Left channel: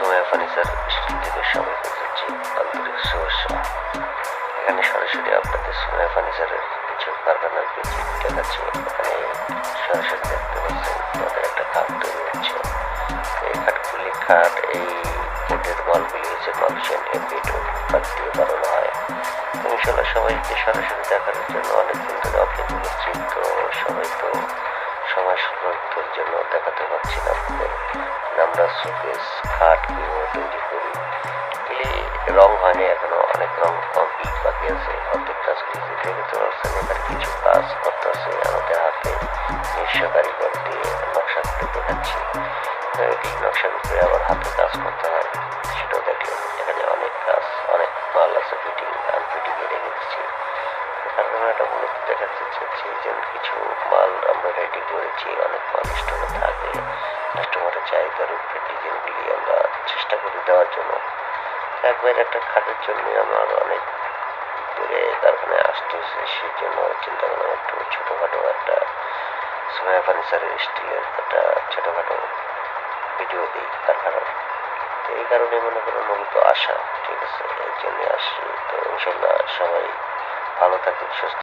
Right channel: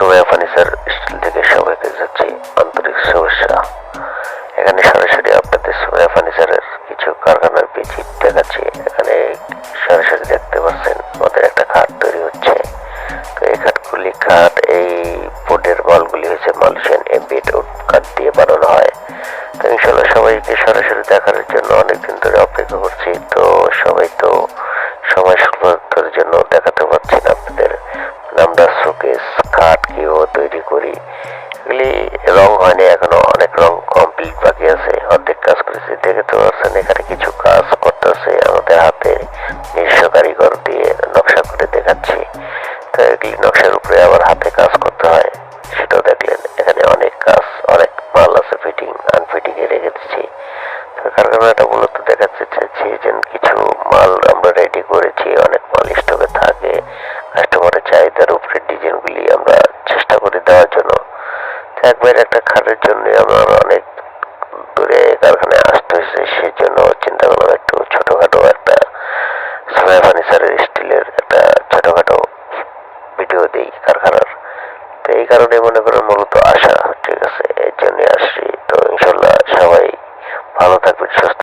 সোয়া furniture still থেকে সবাইকে যাচ্ছি আন্তরিক শুভেচ্ছা। এখানে সরাসরি আপনাদের সোয়া ফার্নিচারের কিছু কারখানার ভিজিট দেখাচ্ছি। এখানে সরাসরি দেখতে পাচ্ছেন ওদের একটা খাট তৈরি হচ্ছে। তো এই এই বোর্ডের মালগুলি হচ্ছে মালয়েশিয়ান এমবিড ও কাঠ দিয়ে বানানো হয়। তো ইনশাল্লাহ সবাইকে সরাসরি দেখার জন্য অনেকদিন ধরে অপেক্ষা করছি। তো সবাই তো সময় স্বল্পতার জন্য দেখাতে পারছি না আপনাদের। আমরা শোকেস খাট কিভাবে তৈরি করি, এগুলি রং হয়নি এখনো, অনেক রং কমপ্লিট বাকি আছে, অর্ধেক কাজ করেছি। দেখতে পাচ্ছেন এখানে কিছু কাজ করতেছে আমাদের হাতে নিজস্ব কারিগর দিয়ে নকশা করে দেখাচ্ছি। তো এগুলি নকশার উপরে আবার হাতে কাজ করতে হয়, সেটাও দেখলেন। এখানে অনেক কাজ, অনেক মাল আছে, ফিটিং আনফিটিং এ রেখে দিচ্ছি। কারখানাটা মূলত দেখাচ্ছে যে কিছু মাল আমরা রেডি করেছি, অনেক মাল স্টকে থাকে, কাস্টমারের চাহিদার উপরে ডিজাইনগুলি আমরা চেষ্টা করি দেওয়ার জন্য। একবার একটা খাটের জন্য আমার অনেক দূরে কারখানায় আসতে হয়েছে, সেই জন্য চিন্তা করলাম একটু ছোটখাটো একটা সোয়া ফার্নিচারের স্টিলের একটা ছোটখাটো ভিডিও দিই কারখানার। তো এই কারণে মনে করেন মূলত আসা, ঠিক আছে, এর জন্য আসছি। তো ইনশাল্লাহ সবাই ভালো থাকবেন, সুস্থ